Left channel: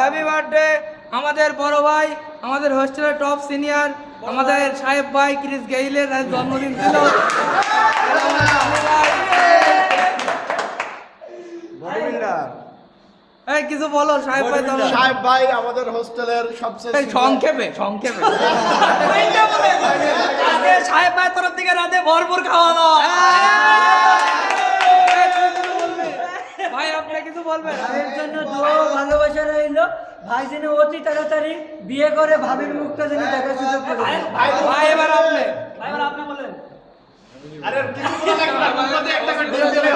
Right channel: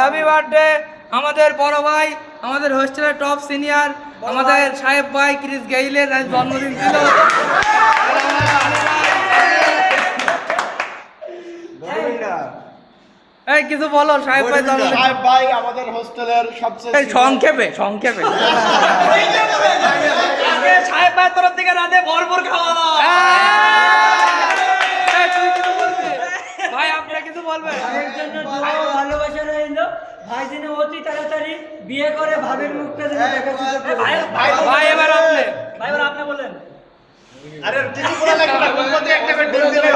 Happy birthday আমাদের বড় ভাই, আমাদের হোস্টেলের টপ সিনিয়র, আমাদের সাহেব ভাই ক্রিস গেইলের জন্মদিন ছিল। এই কিছু বলো সাহেব ভাই। সাহেব ভাই আমাদের হোস্টেলের সবচেয়ে সংক্ষেপে সংক্ষেপে সাহেব ভাই তরফ থেকে রাতে ভরপুর খাওয়া দাওয়া। ভাই আপনি কিছু বলবেন? ভাইয়ের জন্য দোয়া ও ভালোবাসা রইল। ভাই যেন অতি তাড়াতাড়ি বিয়ে করে ভাবির মুখটা যেন দেখা সুযোগ পায়। ভাই এবার আপনি বলেন। আরে কিছু বলা লাগবে না, একটা করে দিলে